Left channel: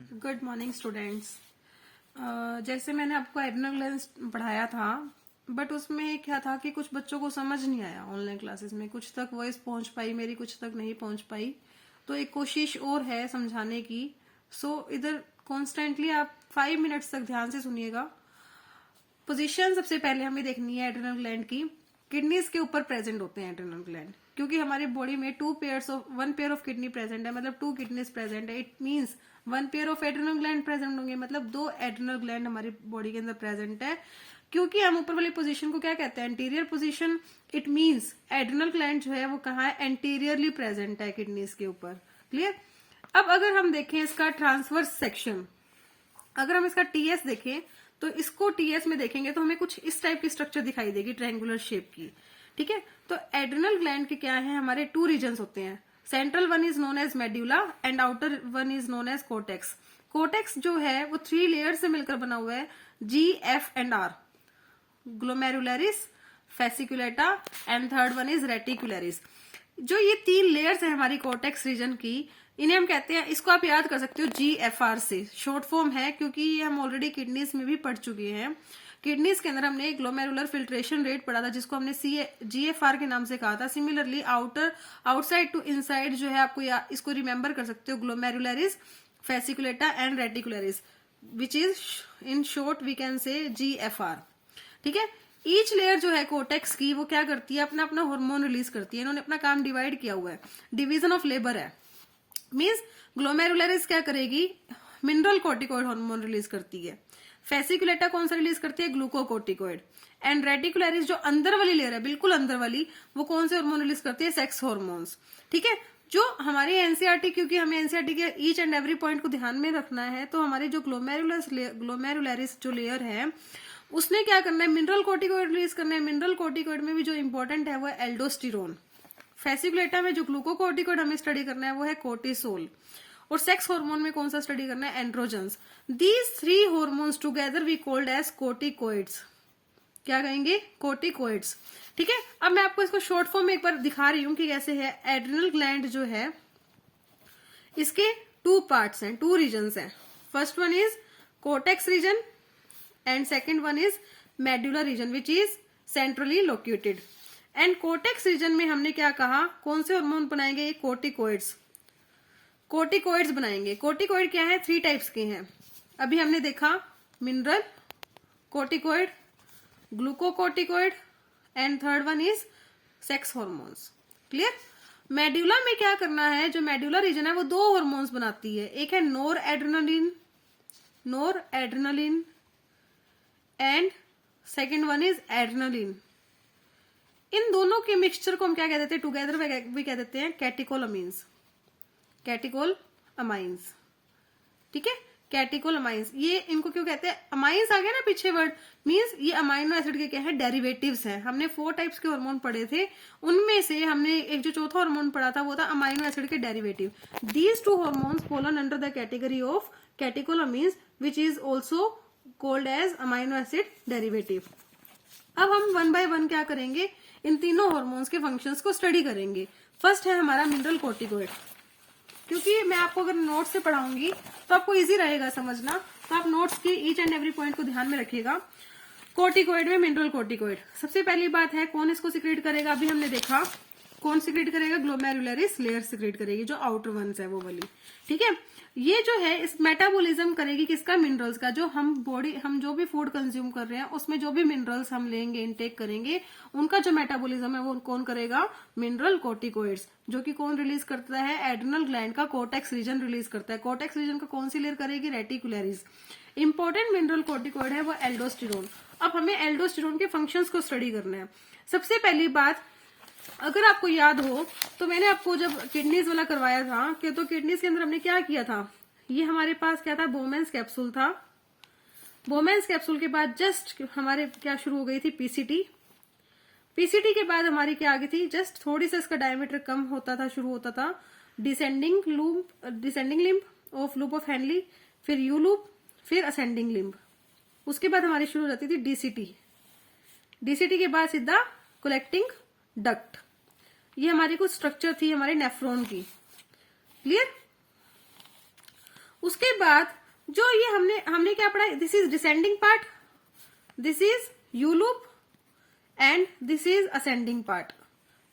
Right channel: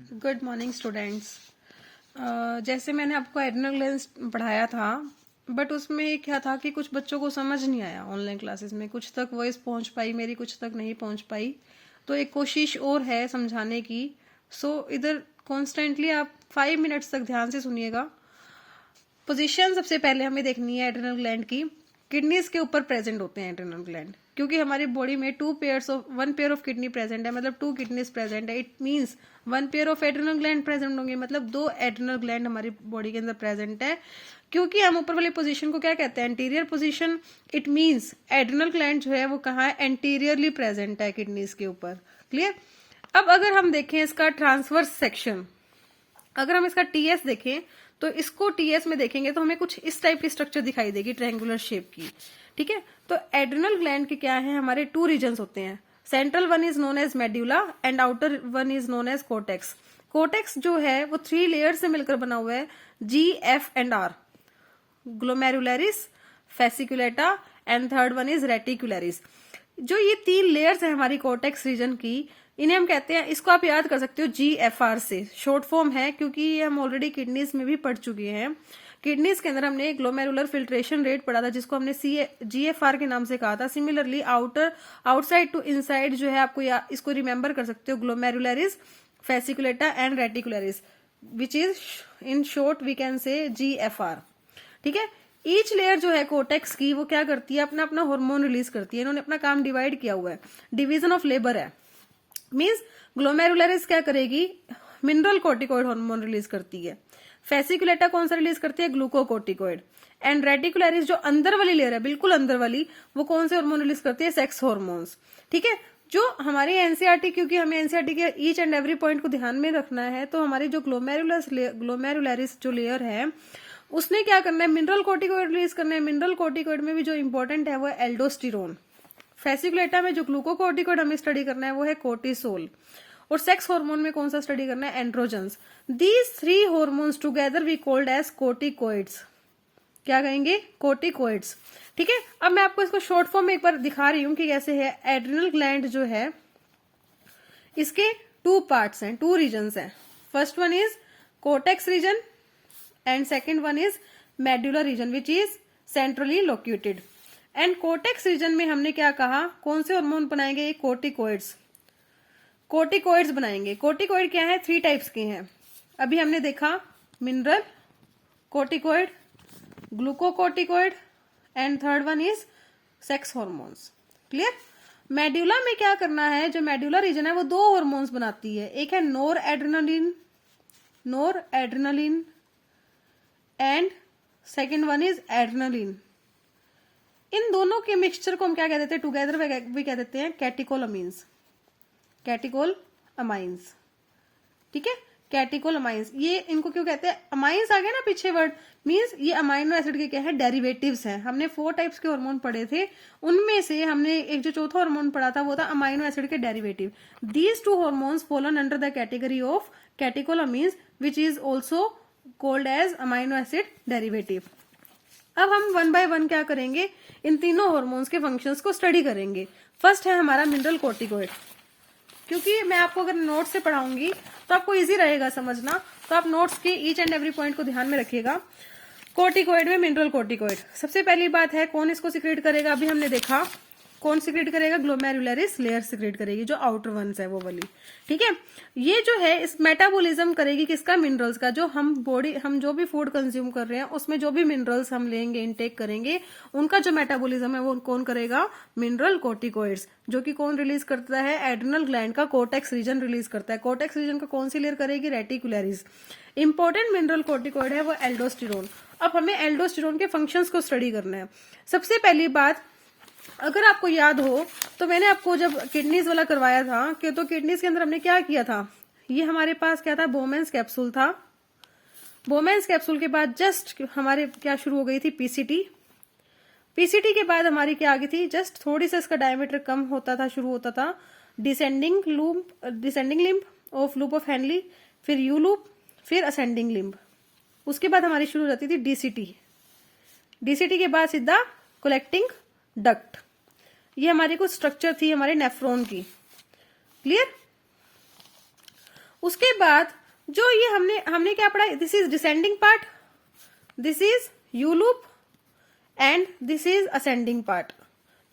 Good morning students. जैसे मैंने आपको एड्रेनल ग्लैंड्स पढ़ाया था, बट उसमें क्या था कि कुछ बच्चों को समझ नहीं आया ऑनलाइन क्लासेस में। कुछ तक वॉइस पहुंच पाई मेरी, कुछ तक नहीं पहुंच पाई। तो एक कोशिश और है समझाने की। इधर कॉन्स्टेंटली आप 5 मिनट्स तक ध्यान से सुनिएगा। पोजीशन सबसे पहले हमें देखनी है एड्रेनल ग्लैंड की। किडनीज के ऊपर प्रेजेंट होते हैं एड्रेनल ग्लैंड, क्योंकि हमारी बॉडी में one pair of kidney present है, मतलब 2 किडनीज प्रेजेंट है। It means 1 pair of adrenal gland present होंगे, मतलब 2 एड्रेनल ग्लैंड हमारी बॉडी के अंदर प्रेजेंट है। क्योंकि हम ऊपर वाली पोजीशन को क्या कहते हैं, anterior position. It means adrenal gland जो है वो कहाँ है, एंटीरियरली प्रेजेंट है किडनीज के ऊपर। क्लियर। अब अगर हम देखें इसका ट्रांसवर्स सेक्शन, अगर हम इसका टीएस देखें तो इसको टीएस में देखेंगे तो हमें कुछ इस टाइप की स्ट्रक्चर दिखाई देगी, ट्रायंगुलर शेप की। ठीक है। तो एड्रेनल ग्लैंड के क्या है, हमारे 2 रीजन्स होते हैं। Central one is known as medulla and outer one is known as cortex. Cortex जो है वो 3 लेयर से मिलकर बना हुआ है, G, F and R. Glomerularis, fasciculata and third one is reticularis. जो ये 3 लेयर्स है हमारी कोटेक्स रीजन की, इन्हें हम कहते हैं, इसको आप याद कर सकते हो GFR से, शॉर्ट फॉर्म है, क्योंकि ये हम ऑलरेडी किडनीज में भी पढ़ चुके हैं। किडनीज के अंदर हमने ग्लोमेरुलर फिल्ट्रेशन रेट पढ़ा था, जिसको हमने GFR के नाम से कहा था। सिमिलरली आउटसाइड टू इनसाइड जो है, आपको इसको रिमेंबर कर सकते हो, glomerularis, fasciculata and reticularis, which is in short we can say GFR। ठीक है। ईच लेयर जो है कोटेक्स की, वो क्या करती है, अपना अपना हार्मोन रिलीज करती है। इन्होंने अपना काम डिवाइड किया हुआ है, डिवीजन ऑफ लेबर है। मीन्स ग्लोमेरुलरिस क्या करेगी, मिनरल कोर्टिकोइड हार्मोन रिलीज करती है। फेसिकुलेटा कौन सा रिलीज करती है, ग्लूकोकोर्टिकोइड। एंड रेटिकुलरिस जो अंदर वाली लेयर है, बिल्कुल अंदर वाली, वो कौन से हार्मोन रिलीज करती है, सेक्स हार्मोन्स। ठीक है। जो हमारी एनसीईआरटी, क्योंकि हमें एनसीईआरटी के ईच एंड एवरी पॉइंट को ध्यान में रखना है, तो हमारी जो ग्लोमेरुलरिस जो लेयर है, उसने क्या करना है, मिनरल कोर्टिकोइड रिलीज करना है। मिनरल कोर्टिकोइड में भी जो इंपॉर्टेंट है वो है एल्डोस्टिरोन। फेसिकुलेटा में जो ग्लूकोकोर्टिकोइड हमें स्टडी करना है वो है कोर्टिसोल। और सेक्स हार्मोन में कौन सा स्टडी करना है, androgens. These 3 hormones together we called as corticoids. क्या कहेंगे, कोर्टिकोइड्स। ठीक है। अब मैं आपको इसको शॉर्ट फॉर्म में एक बार दिखा रही हूं कि कैसे है। एड्रेनल ग्लैंड जो है, इसके 2 पार्ट्स हैं, 2 रीजन्स हैं। First one is cortex region and second one is medullary region, which is centrally located. And cortex region में हमने क्या कहा, कौन से हार्मोन बनाएंगे, कोर्टिकोइड्स। कोर्टिकोइड्स बनाएंगे। कोर्टिकोइड क्या है, 3 टाइप्स के हैं। अभी हमने देखा mineral corticoid, glucocorticoid and third one is sex hormones. Clear. Medulla में क्या करना है, जो मेड्यूलर रीजन है वो 2 हार्मोन्स बनाती है। एक है nor adrenaline and second one is adrenaline. इन दोनों के मिक्सचर को हम क्या कह देते हैं, टुगेदर भी कह देते हैं कैटिकोलमीन्स। कैटिकोलअमाइंस। ठीक है। कैटिकोलअमाइंस, ये इनको क्यों कहते हैं, अमाइंस आ गया ना पीछे वर्ड, मींस ये अमाइनो एसिड के क्या है, डेरिवेटिव्स हैं। हमने 4 टाइप्स के हार्मोन पढ़े थे, उनमें से हमने एक जो चौथा हार्मोन पढ़ा था वो था अमाइनो एसिड के derivative. These 2 hormones fallen under the category of catecholamines, which is also called as amino acid derivative. अब हम 1 बाय 1 क्या करेंगे, इन तीनों हार्मोन्स के फंक्शंस को स्टडी करेंगे। फर्स्ट है हमारा मिनरल कोर्टिकोइड। क्योंकि मैं आपको अगर नोट्स से पढ़ाऊंगी तो आपको इजी रहेगा समझना, तो आप नोट्स के ईच एंड एवरी पॉइंट को ध्यान में रखिएगा। कोर्टिकोइड में मिनरल कोर्टिकोइड, सबसे पहली बात है कौन इसको सिक्रेट करेगा, अभी हमने देखा कौन सिक्रेट करेगा, ग्लोमेरुलरिस लेयर सिक्रेट करेगी, जो आउटर वंस है वो वाली। ठीक है। ये जो है इस मेटाबॉलिज्म करेगी किसका, मिनरल्स का। जो हम जो भी फूड कंज्यूम कर रहे हैं उसमें जो भी मिनरल्स हम लेंगे, इनटेक करेंगे, उनका जो मेटाबॉलिज्म है वो कौन करेगा, मिनरल कोर्टिकोइड्स। जो कि कौन रिलीज करता है, एड्रेनल ग्लैंड का कोटेक्स रीजन रिलीज करता है। कोटेक्स रीजन का कौन सी लेयर करेगी, रेटिकुलरिस। इंपॉर्टेंट मिनरल कोर्टिकोइड है वो एल्डोस्टिरोन। अब हमें एल्डोस्टिरोन के फंक्शंस को स्टडी करना है। सबसे पहली बात, अगर आपको याद हो तो मैंने आपको जब किडनीज वाला करवाया था कि तो किडनीज के अंदर हमने क्या किया था, ये हमारे पास क्या था, बोमेंस कैप्सूल था। बोमेंस कैप्सूल के बाद जस्ट हमारे क्या शुरू हो गई थी, पीसीटी। पीसीटी के बाद हमारी क्या आ गई थी, जस्ट थोड़ी सा इसका डायमीटर कम होता था, शुरू होता था descending limb of loop of Henley, फिर यू लूप, फिर असेंडिंग लिम्ब। उसके बाद हमारी शुरू हो जाती थी डीसीटी। डीसीटी के बाद सीधा कलेक्टिंग डक्ट। ये हमारी कुछ स्ट्रक्चर थी हमारे नेफ्रॉन की। क्लियर। उसके बाद जो ये हमने क्या पढ़ा, this is descending part, this is you loop and this is ascending part.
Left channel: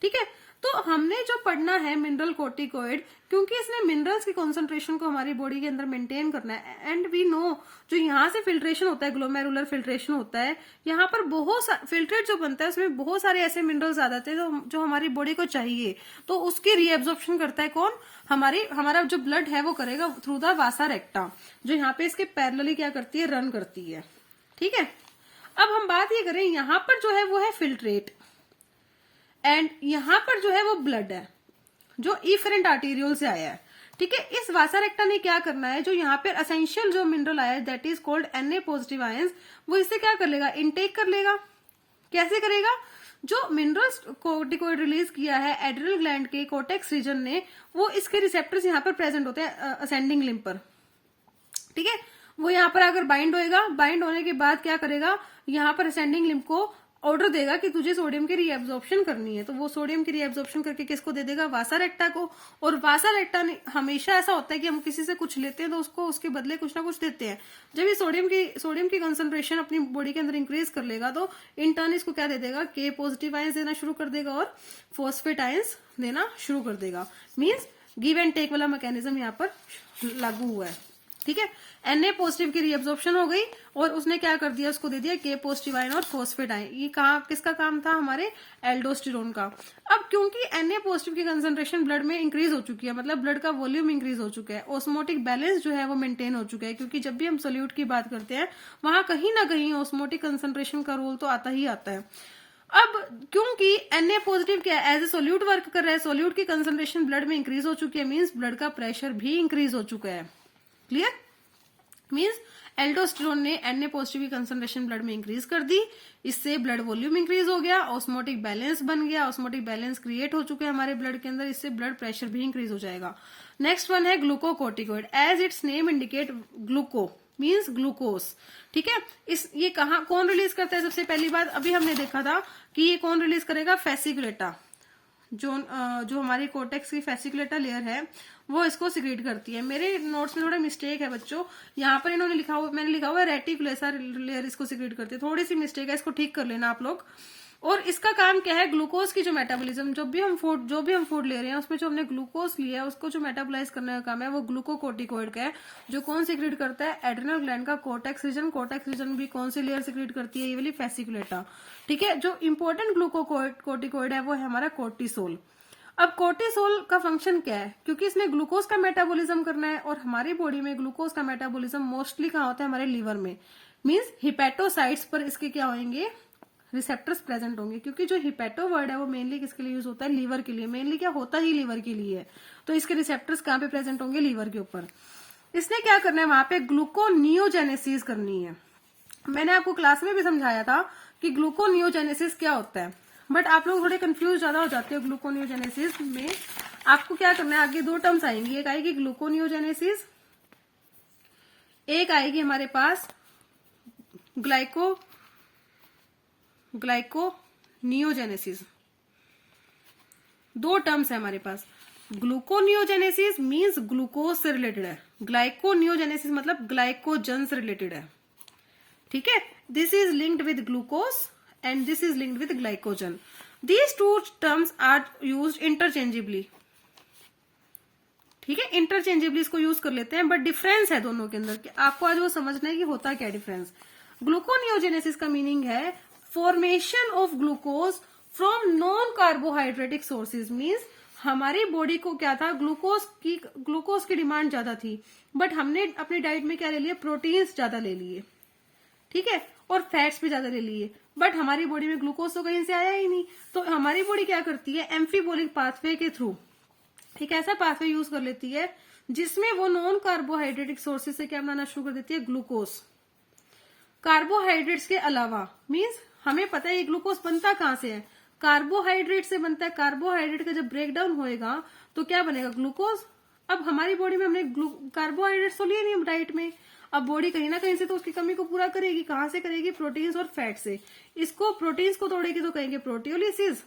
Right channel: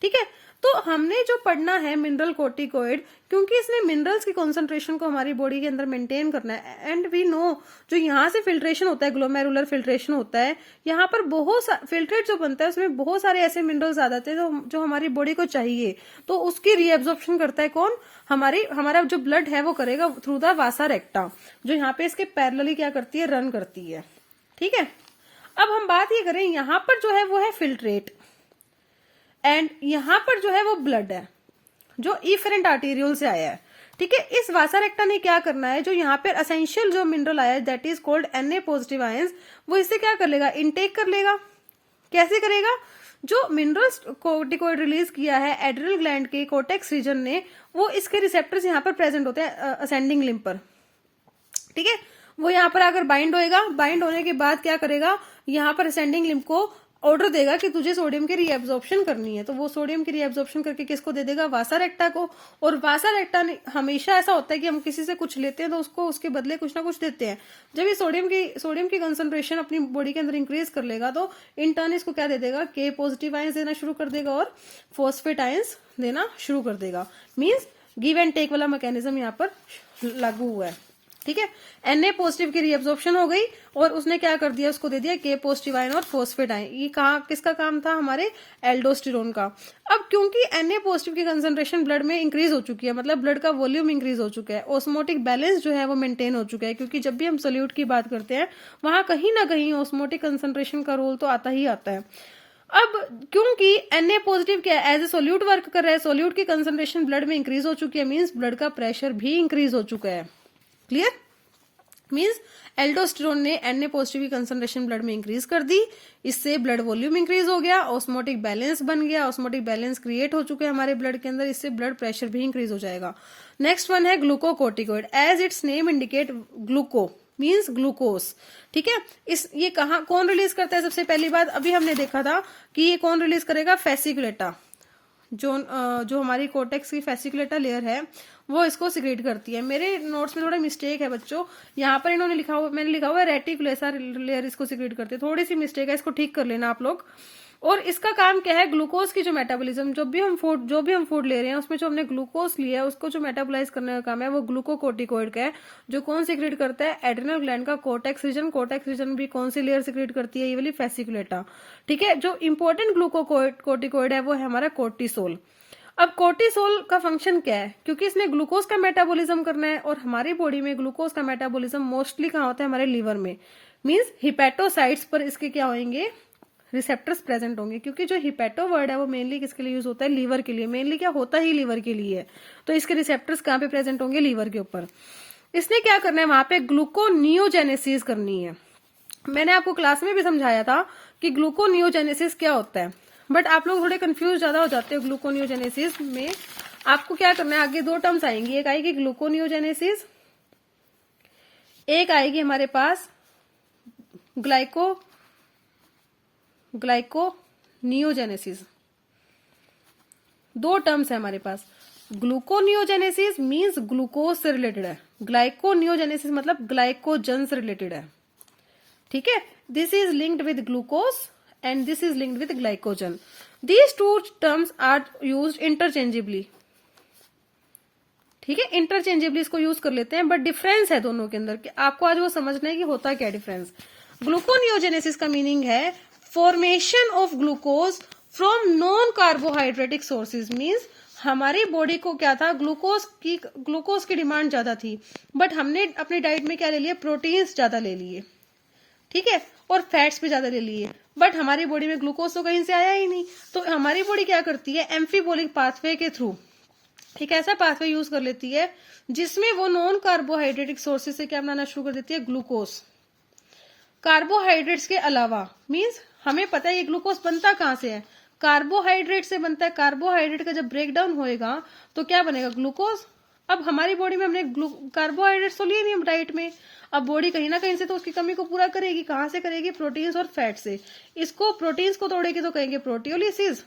ठीक है, तो हमने जो पढ़ना है मिनरल कोर्टिकोइड, क्योंकि इसने मिनरल्स की कॉन्सेंट्रेशन को हमारी बॉडी के अंदर मेंटेन करना है। एंड वी नो जो यहाँ से फिल्ट्रेशन होता है, ग्लोमेरुलर फिल्ट्रेशन होता है, यहाँ पर बहुत फिल्ट्रेट जो बनता है उसमें बहुत सारे ऐसे मिनरल्स आ जाते हैं जो हमारी बॉडी को चाहिए, तो उसकी रीएब्जॉर्प्शन करता है कौन, हमारा जो ब्लड है वो करेगा थ्रू द वासा रेक्टा, जो यहाँ पे इसके पैरेलली क्या करती है, रन करती है। ठीक है, अब हम बात ये करें, यहाँ पर जो है वो है फिल्ट्रेट एंड यहाँ पर जो है वो ब्लड है जो इफरेंट आर्टेरियल से आया है। ठीक है, इस वासा रेक्टा ने क्या करना है, जो यहाँ पर असेंशियल जो मिनरल आया है that is called Na positive ions, वो इससे क्या कर लेगा, इनटेक कर लेगा। कैसे करेगा, जो मिनरल्स कोर्टिकोइड रिलीज किया है एड्रिनल ग्लैंड के कोर्टेक्स रीजन ने, वो इसके रिसेप्टर्स यहाँ पर प्रेजेंट होते हैं असेंडिंग लिम्ब पर। ठीक है, वो यहाँ पर आकर बाइंड होएगा, बाइंड होने के बाद क्या करेगा, यहाँ पर असेंडिंग लिम्ब को ऑर्डर देगा कि तुझे सोडियम की रीएब्जॉर्प्शन करनी है, तो वो सोडियम की रीएब्जॉर्प्शन करके किसको दे देगा, वासा रेक्टा को। और वासा रेक्टा ने हमेशा ऐसा होता है कि हम किसी से कुछ लेते हैं तो उसको उसके बदले कुछ ना कुछ देते हैं। जब ये सोडियम की कंसंट्रेशन अपनी बॉडी के अंदर इंक्रीज कर लेगा तो इन टर्न इसको क्या दे देगा, के पॉजिटिव आयंस देना शुरू कर देगा और फॉस्फेट आयंस देना शुरू कर देगा। मीन्स गिव एंड टेक वाला मैकेनिज्म यहाँ पर लागू हुआ है। ठीक है, Na पॉजिटिव की रीअब्जॉर्प्शन हो गई और उसने क्या कर दिया, उसको दे दिया के पॉजिटिव आयन और फॉस्फेट आयन। ये किसका काम था, हमारे एल्डोस्टेरोन का। अब क्योंकि Na पॉजिटिव की कंसंट्रेशन ब्लड में इंक्रीज हो चुकी है, मतलब ब्लड का वॉल्यूम इंक्रीज हो चुका है, ऑस्मोटिक बैलेंस जो है वो मेंटेन हो चुका है, क्योंकि जब भी हम सोल्यूट की बात करते हैं वहां कहीं ना कहीं ऑस्मोटिक कंसंट्रेशन का रोल तो आता ही आता है। अब क्योंकि Na पॉजिटिव क्या है, एज ए सोल्यूट वर्क कर रहा है, सोल्यूट की कंसंट्रेशन ब्लड में इंक्रीज हो चुकी है, मीन्स ब्लड का प्रेशर भी इंक्रीज हो चुका है। क्लियर, मीन्स एल्डोस्टेरोन ने Na पॉजिटिव की कंसंट्रेशन ब्लड में इंक्रीज कर दी, इससे ब्लड वॉल्यूम इंक्रीज हो गया, ऑस्मोटिक बैलेंस बन गया, ऑस्मोटिक बैलेंस क्रिएट हो चुके हैं हमारे ब्लड के अंदर, इससे ब्लड प्रेशर भी इंक्रीज हो जाएगा। नेक्स्ट वन है glucocorticoid, as its name indicate, gluco means glucose. ठीक है, ये कौन रिलीज करता है, सबसे पहली बात अभी हमने देखा था कि ये कौन रिलीज करेगा, फेसिकुलेटा, जो हमारी कोर्टेक्स की फेसिकुलेटा लेयर है वो इसको सिक्रेट करती है। मेरे नोट्स में थोड़ा मिस्टेक है बच्चों, यहाँ पर मैंने लिखा हुआ है रेटिकुलेसा लेयर इसको सिक्रेट करती है, थोड़ी सी मिस्टेक है, इसको ठीक कर लेना आप लोग। और इसका काम क्या है, ग्लूकोज की जो मेटाबॉलिज्म, जो भी हम फूड ले रहे हैं उसमें जो हमने ग्लूकोज लिया है उसको जो मेटाबोलाइज करने का काम है वो ग्लूकोकोर्टिकोइड का है, जो कौन सिक्रेट करता है, एड्रिनल ग्लैंड का कोर्टेक्स रीजन भी कौन सी लेयर सिक्रेट करती है, ये वाली फेसिकुलेटा। ठीक है, जो इंपॉर्टेंट ग्लूकोकोर्टिकोइड है वो है हमारा कोर्टिसोल। अब कोर्टिसोल का फंक्शन क्या है, क्योंकि इसने ग्लूकोज का मेटाबॉलिज्म करना है और हमारी बॉडी में ग्लूकोज का मेटाबॉलिज्म मोस्टली कहाँ होता है, हमारे लीवर में, मींस हिपेटोसाइट्स पर इसके क्या होंगे, रिसेप्टर्स प्रेजेंट होंगे, क्योंकि जो हिपेटो वर्ड है वो मेनली किसके लिए यूज होता है, लीवर के लिए, मेनली क्या होता ही लीवर के लिए है, तो इसके रिसेप्टर्स कहाँ पे प्रेजेंट होंगे, लीवर के ऊपर। इसने क्या करना है, वहां पे ग्लूकोनियोजेनेसिस करनी है। मैंने आपको क्लास में भी समझाया था कि ग्लूकोनियोजेनेसिस क्या होता है, बट आप लोग थोड़े कंफ्यूज ज्यादा हो जाते हो ग्लूकोनियोजेनेसिस में। आपको क्या करना है, आगे दो टर्म्स आएंगी, एक आएगी ग्लूकोनियोजेनेसिस, एक आएगी हमारे पास ग्लाइकोनियोजेनेसिस। दो टर्म्स है हमारे पास, ग्लूकोनियोजेनेसिस मींस ग्लूकोज से रिलेटेड है, ग्लाइकोनियोजेनेसिस मतलब ग्लाइकोजन से रिलेटेड है। ठीक है, this is linked with glucose and this is linked with glycogen. These two terms are used interchangeably. ठीक है, इंटरचेंजेबली इसको यूज कर लेते हैं, बट डिफरेंस है दोनों के अंदर कि आपको आज वो समझना है कि होता क्या डिफरेंस। ग्लूकोनियोजेनेसिस का मीनिंग है formation of glucose from non carbohydratic sources, means हमारी बॉडी को क्या था, ग्लूकोज की डिमांड ज्यादा थी, बट हमने अपनी डाइट में क्या ले लिया, प्रोटीन्स ज्यादा ले लिए, ठीक है, और फैट्स भी ज्यादा ले लिए, बट हमारी बॉडी में ग्लूकोज तो कहीं से आया ही नहीं। तो हमारी बॉडी क्या करती है, एम्फीबोलिक पाथवे के थ्रू एक ऐसा पाथवे यूज कर लेती है जिसमें वो नॉन कार्बोहाइड्रेटिक सोर्सेज से क्या बनाना शुरू कर देती है, ग्लूकोज। कार्बोहाइड्रेट्स के अलावा, मीन्स हमें पता है ये ग्लूकोज बनता कहां से है, कार्बोहाइड्रेट से बनता है। कार्बोहाइड्रेट का जब ब्रेक डाउन होएगा तो क्या बनेगा, ग्लूकोज। अब हमारी बॉडी में हमने कार्बोहाइड्रेट्स तो लिए नहीं डाइट में, अब बॉडी कहीं ना कहीं से तो उसकी कमी को पूरा करेगी, कहां से करेगी, प्रोटीन्स और फैट से। इसको प्रोटीन्स को तोड़ेगी तो कहेंगे प्रोटियोलिसिस,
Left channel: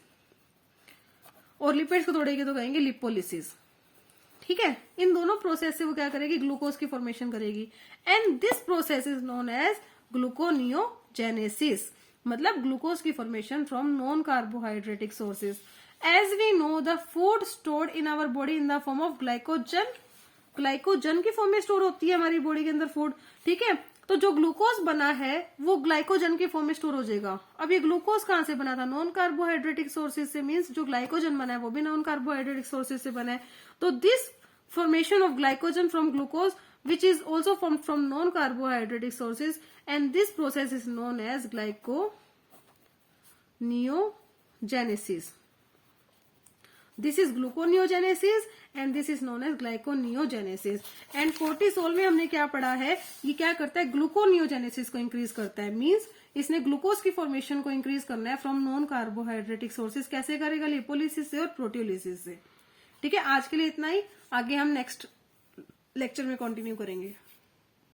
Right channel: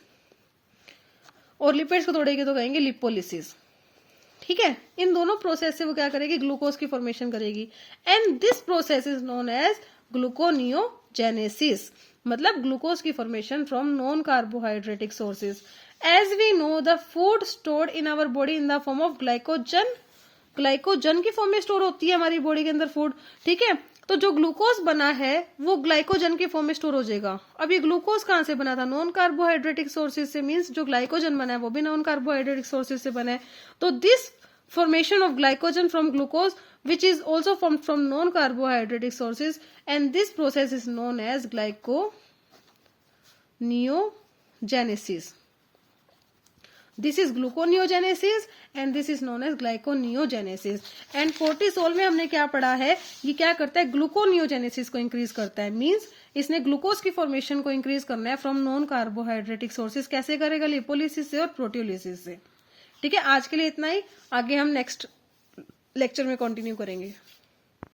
और लिपिड्स को तोड़ेगी तो कहेंगे लिपोलिसिस। ठीक है, इन दोनों प्रोसेस से वो क्या करेगी, ग्लूकोज की फॉर्मेशन करेगी। And this process is known as gluconeogenesis, मतलब ग्लूकोज की formation from non carbohydratic sources. As we know the food stored in our body in the form of glycogen, glycogen की form में store होती है हमारी body के अंदर food, ठीक है। तो जो ग्लूकोज बना है वो ग्लाइकोजन की फॉर्म में स्टोर हो जाएगा। अब ये ग्लूकोज कहाँ से बना था, नॉन कार्बोहाइड्रेटिक सोर्सेज से, मींस जो ग्लाइकोजन बना है वो भी नॉन कार्बोहाइड्रेटिक सोर्सेज से बना है। तो this formation of glycogen from glucose which is also formed from non carbohydratic sources, and this process is known as glyconeogenesis. This is gluconeogenesis and this is known as glyconeogenesis. and cortisol में हमने क्या पढ़ा है, ये क्या करता है, gluconeogenesis को इंक्रीज करता है। मींस इसने ग्लूकोज की फॉर्मेशन को इंक्रीज करना है फ्रॉम नॉन कार्बोहाइड्रेटिक सोर्सेज। कैसे करेगा, लिपोलिसिस से और प्रोटियोलिसिस से। ठीक है, आज के लिए इतना ही, आगे हम नेक्स्ट लेक्चर में कंटिन्यू करेंगे।